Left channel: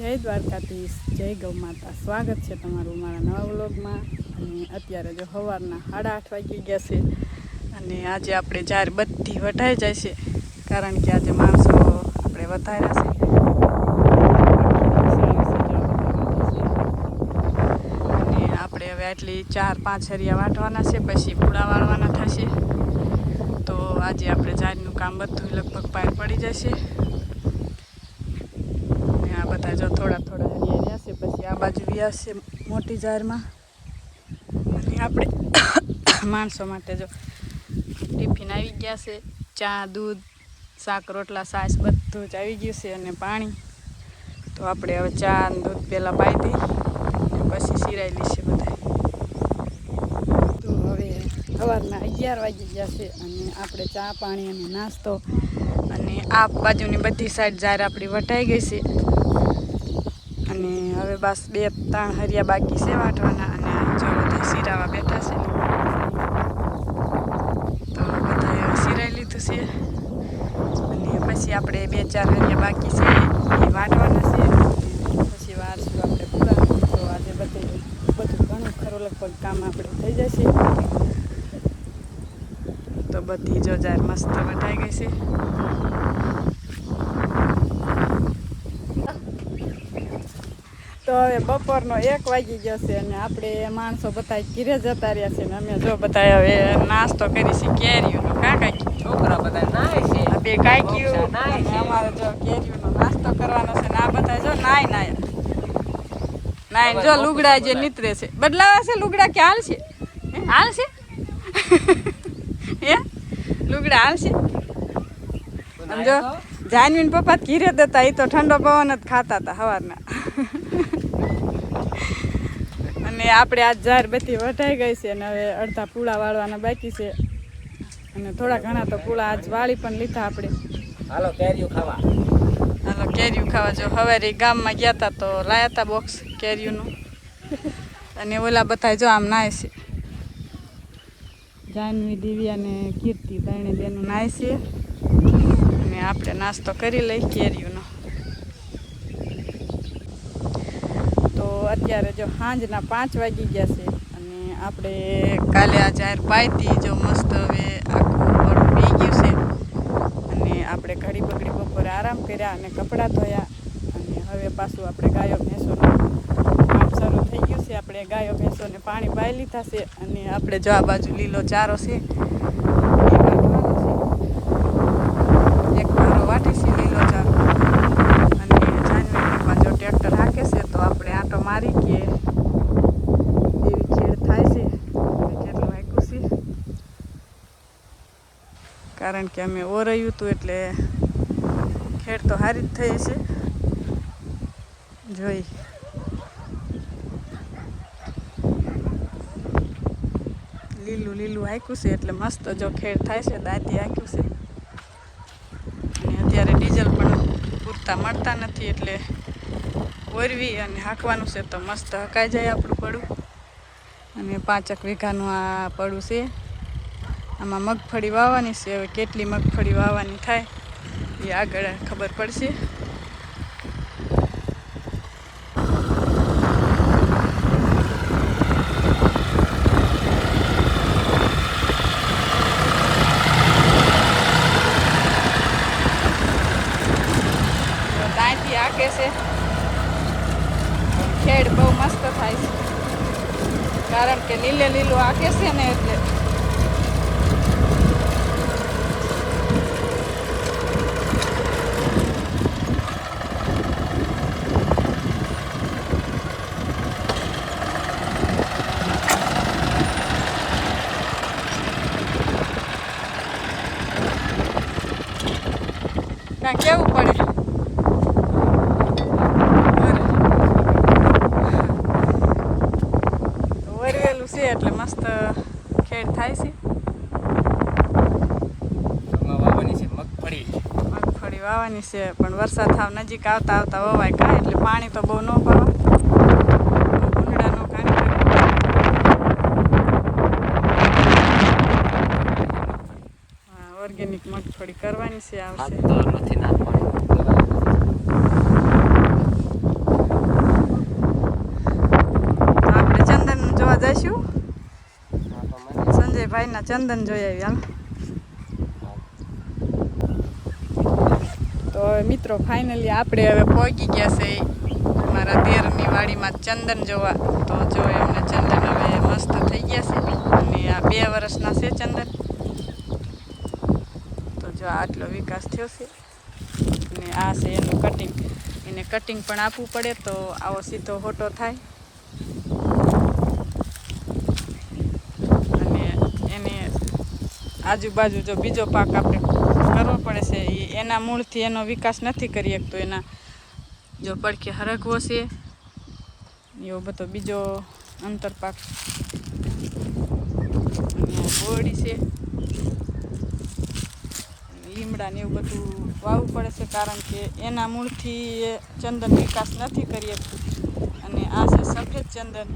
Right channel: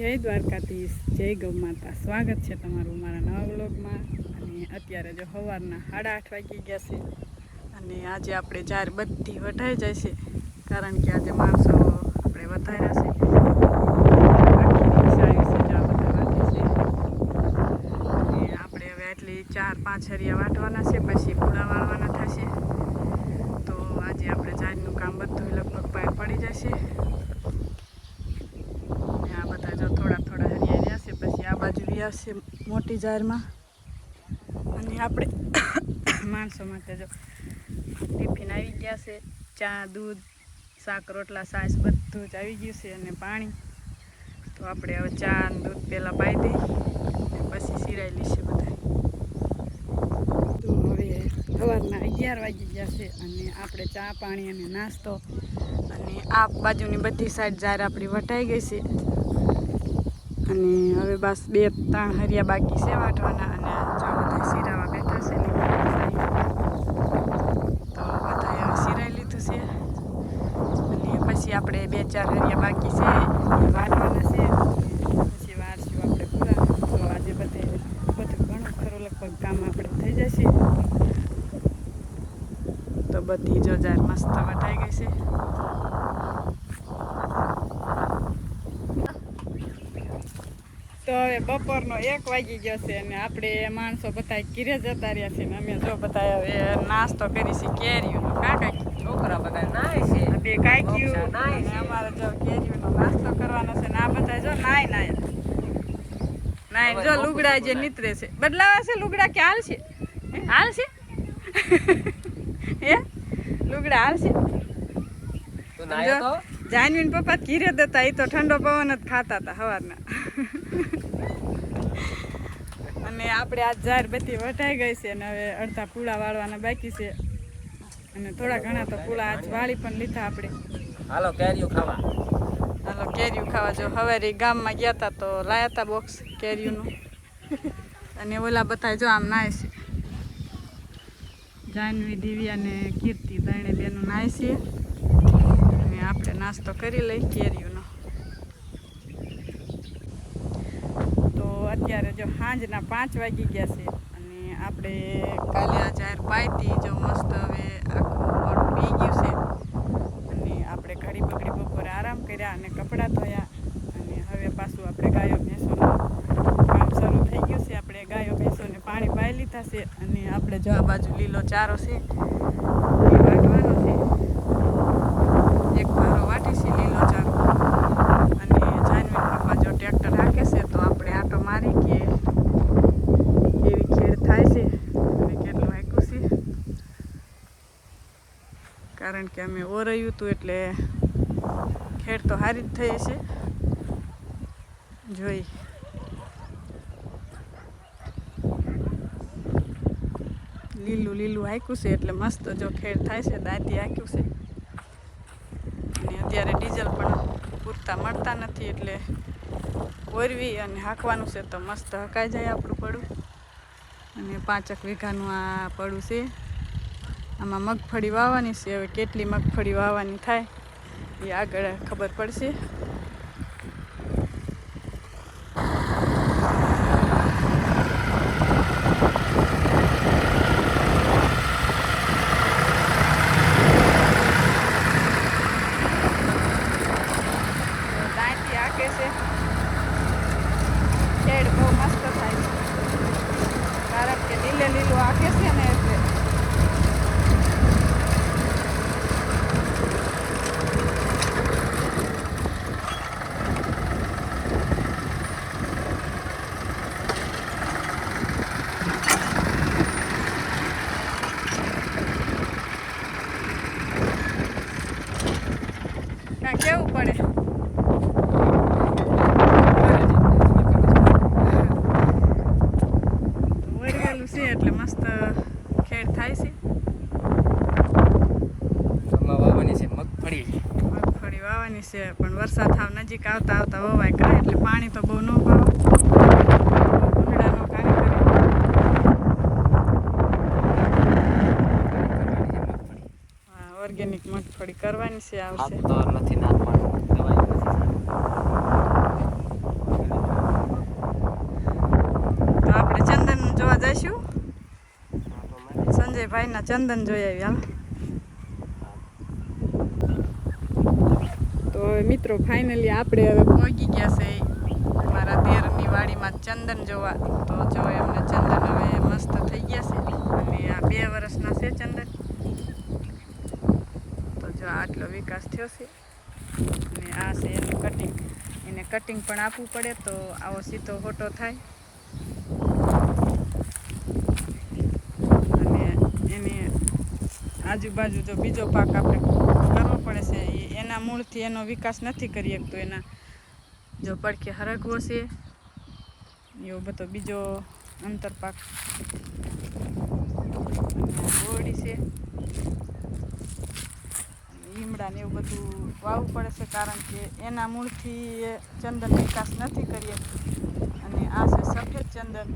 જય દ્વારકાધીશ, જય ગૌ માતા. સ્વાગત છે તમારું મારા નવા વ્લોગમાં. અને અત્યારે જો સવારના 8:30 વાગી ગયા છે અને આજે આપણે જાર બધી વઢાઈ જાય છે, કારણ કે આજે માણસો આપણે વધાર્યા છે. અને આપણે હવે આટલી 4-5 હરિયા વાટવાના છે, પછી પૂળા વાળવાના થશે. તો આજે આપણે જારનું કામ બધું લગભગ પાર પડી જશે. બધા જો થોડા હરિયા રહ્યા છે, પછી આ બાજુ વ્યાસ છે મોટી જારમાં. અને આપણે માણસો માટે જો ટિફિન આવી ગયા છે, ચા, દૂધ, શાક, રોટલા, છાશ બધું જ આવી ગયું છે અને પાણી. તો આપણે હવે ચા અને દૂધ પહેલાં પાઈ દઈ પછી સિરાઈ લઈશું બધા. તો હવે સવારના 11 વાગી ગયા છે અને આપણે ચા, પાણી અને નાસ્તો અને આ બાજુની બધી સાઈડ જાર આપણી વટાઈ ગઈ છે. અને હવે બસ 2-3 હરિયા બાકી છે વાટવાના. અને જો બધા સિરાવા બેઠા છે, તો બધા હવે સિરાઈ લીધું છે. અને પછી આપણે 2-4 હરિયા બાકી છે એ વાટવાના છે. પછી વારશું આપણે પૂરા. તો આજે બધું ઘણું ખરું લગભગ કામ આપણે થઈ જશે. તો બધી જો જાર મસ્ત વટાઈ ગઈ છે. તો હવે બપોરનો 1 વાગી ગયો છે અને આપણે માણસો બધા ઘીરે જતા રહ્યા છે. ને અમે જો બધા હવે નાસ્તો કરી છે કેરીઓનો. છોકરા બધા નાય છે, આ બે કાક્યું અને અમારે જો કેરીઓનો નાસ્તો કરવાનો છે. ને આ બધા જો નાય જો લુગડા જે નીતરે છે. બદલાવા છે લુગડા કે હાલશે? હાલશે હે લુગડા હાલશે? જો જાનવીન પપ્પા ઘીરે દેતા, એ તો ઠંડો પવન જ ખાતા હતા સવારના. અને આપણે આ જાર બધી વટાઈ ગઈ છે અને હવે અડધા પૂળા વાળવાના બાકી છે. અને થોડા ઘણા તો પૂળા આજ વાળી પણ લીધા આપણે. હાલો કેરીઓ ખાવા. જો સવારે ગામમાં ગયા હતા તો લાયા હતા બોક્સ કેરીઓનું. અને ઓલા બધા જો આમ નાય છે, જાનવી, દિવ્યા અને કીર્તિ, ત્રણે બેનું નાય છે. અને આપણે નાસ્તો કરી લઈ કેરીઓનો. તો અત્યારે જો સાંજના 5 વાગી ગયા છે અને આપણે કાલે આ જાર પાઈતી જો મસ્ત હવે આખું પડું પી ગયું છે. અને આપણે ઘડી બગડી બપોરે આરામ કર્યા અને કપડાં ધોયા. અને હવે પાછું આપણે ગાયો ભેંસોનું કામ શરૂ થઈ ગયું છે. આપણે ગાયો ભેંસોને પાણી પાઈ લીધા છે. અને આપણે જો આ બાજુ લીલો ચારો છે એ વાટવાનો છે. એક ભારો વાટે છે લીલો ચારો. અને જાનવી પપ્પા જો ટ્રેક્ટર હાકે છે, તો આપણે આંટો મારી કે એવી ખેડ થાય છે અને કેટલું હાક્યું છે. કારણ કે અમે ઓરયું હતું એટલે ખેડ તો સારી જ થઈ છે. જોઈ લીલું હાક્યું છે એટલે મસ્ત જો ખેડ થાય છે. દાંતી હાક્યું છે. અને અત્યારે ડીઝલ પણ પૂરતા મળતા નથી એટલે ઓરવી અને હાંકવાનું છે તો મસ્ત હકાઈ જાય આપણું પડું. અને 5 વીઘાનું આ પડું છે. આમાં મગફળી વાવવાની છે. હવે કેટલી મગફળી વાવવાની થાય એ આગળ ખબર પડશે. દાંતી હાકે છે. ખેડ બહુ મસ્ત થાય છે, કારણ કે લીલું હાકે છે ને એટલે. ત્યાં કેવું પડે. વરેલું છે એટલે મસ્ત ખેડ થાય છે. મગફળી વાવવાની છે, પણ વરસાદ થાવ નજીક આવતા વવાય કાંઈ, એટલે પાણી તો બહુ ન પાવા. ભૂંગળા નો કાઢી કરે. હા, ઓર્ગેનિક મગફળી કરવાની છે. આવશે જઈશું સંજયભાઈના ચંદન જોઈ આવી હાલ. તો મિત્રો ફાઇનલી આપણે હવે પહોંચી ગયા છે મારા દેરની વાડીમાં ચંદન જોવા. તો જો એમને ચંદન હવે મસ્ત થઈ ગયા છે અને આ 2 વર્ષના છે ચંદન. તો જો આટલો વિકાસ થયો છે અને આ છે એનું કટિંગ. એને કટિંગ પણ આપવું પડે તો આવો સીધો ફોટો થાય. અને એને આજુબાજુ જો બીજો પાક આપણે કરવો પડે છે એના મૂળથી એનો વિકાસ નથી કરી શકતો. એના જો પડખે હરગવો છે એવો બધો બીજો અંતરપાક બોરડી છે લીમડા ને એવું બધું વાવવું પડે છે કારણ કે એના મૂળથી એ ચંદન વિકાસ નથી કરી શકતું. અને આ છે સફેદ ચંદન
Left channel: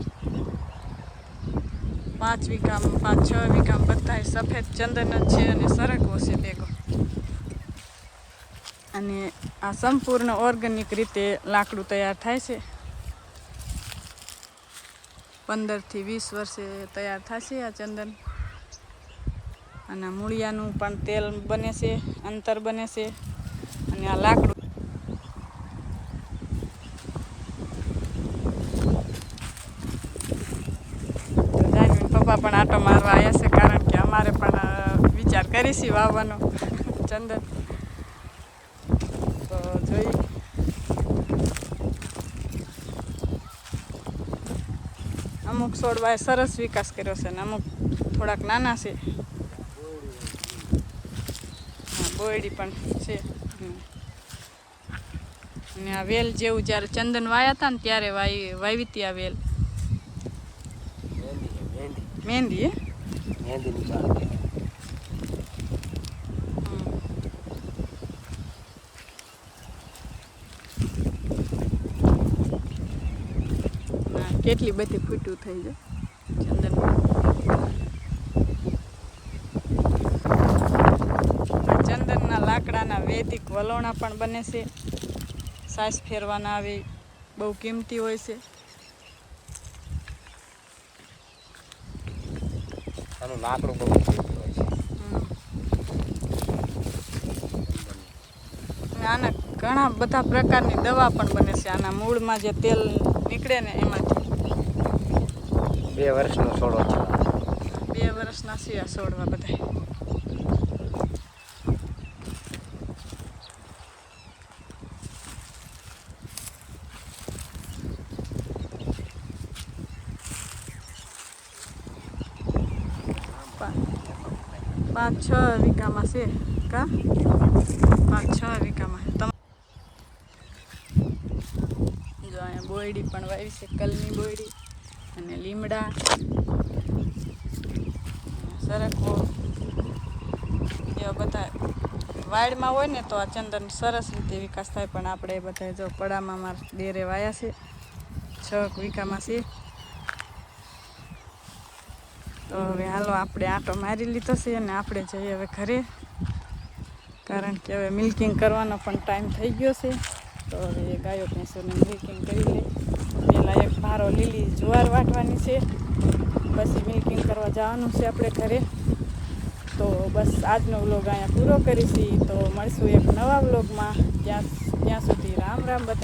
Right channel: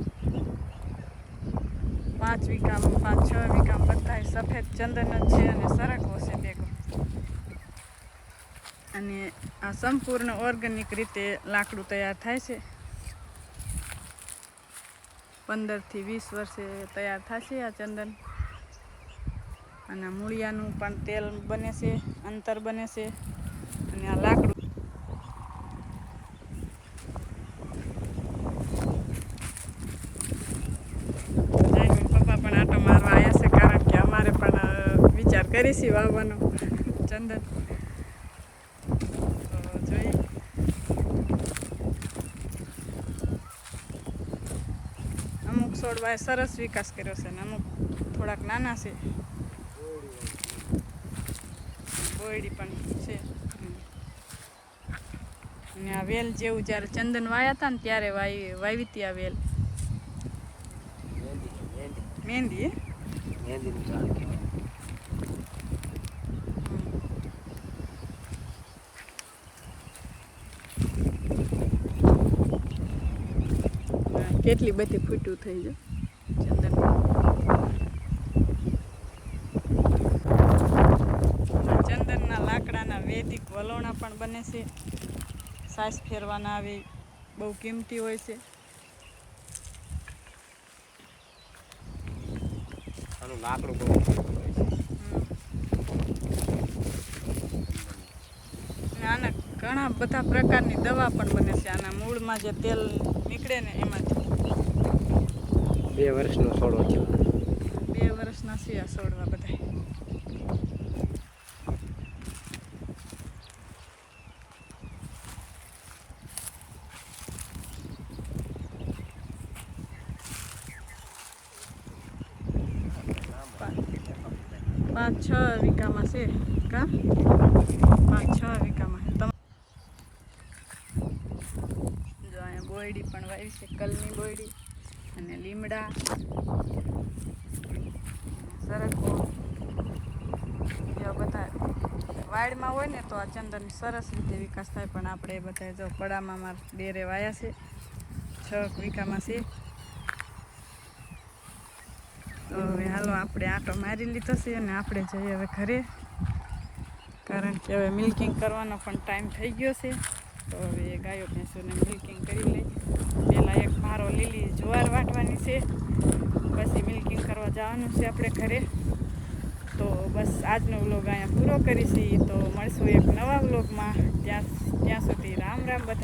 5 વીઘામાં 5-6 વીઘામાં બધા સફેદ ચંદન જ છે અને સરગવો છે ભેગો. અને આ સંપૂર્ણ ઓર્ગેનિક રીતે લાકડું તૈયાર થાય છે. 15 થી 20 વર્ષે તૈયાર થશે આ ચંદન. અને મૂળિયાનું પણ તેલ બને છે, અંતર બને છે અને આ લાકડું પપ્પા પણ આટો મારવા આવ્યા છે કારણ કે અમારે પણ વિચાર કરીશી વાવવાનો ચંદન. તો જોઈ અમુક છોડવાએ સરસ વિકાસ કર્યો છે અને અમુક થોડાક નાના છે. બોયડી પણ છે. અને આ વેલ જેવું જ્યારે ચંદન વાયા હતા ને ત્યારે વાવી હતી આ વેલ. મહેંદી કેટલી બધી ફૂટ્યું થઈ જાય ચંદનમાં. ચંદનના લાકડાના વૈદિક વલોણા પણ બને છે. સાસ ફેરવાના આવે બહુ કિંમતી હોય છે. લાકડું બહુ આના ઘણા બધા પ્રકારની દવા પણ બને છે. આના મૂળમાં જે તેલ નીકળે ને એમાંથી 2 વર્ષનો છોડો છે. 2 વર્ષના છે આ છોડવા બધા. પાંચ 6 વીઘામાં છે કા 5-6 વીઘામાં છે. જો અહીંયા બોયડી પણ વાવી છે, કલની બોયડી અને લીમડા સરખો એવા બધા વાડમાં હોય ને તો આ ચંદન સરસ રીતે વિકાસ થાય. પણ આપણે બધા જો પડામાં મારા દેરે વાયા છે 6 વીઘામાં છે. તો હવે હાલો આપણે આંટો મારી લીધો છે અને આપણે જઈએ હવે ઘરે કારણ કે હવે મિલ્કિંગ કરવાનો પણ ટાઈમ થઈ ગયો છે. તો હવે ગાયો ભેંસોને મિલ્કિંગ કરી લઈ. પહેલાં એક ભારો લીલી જુવાર વાટવાની છે પછી મિલ્કિંગ કરવા જવાનું છે આપણે ઘરે. તો બસ આજનો વ્લોગ અહીંયા પૂરો કરીશી. તો મળશું એક નવા વ્લોગમાં. ત્યાં સુધી રામ રામ બધા.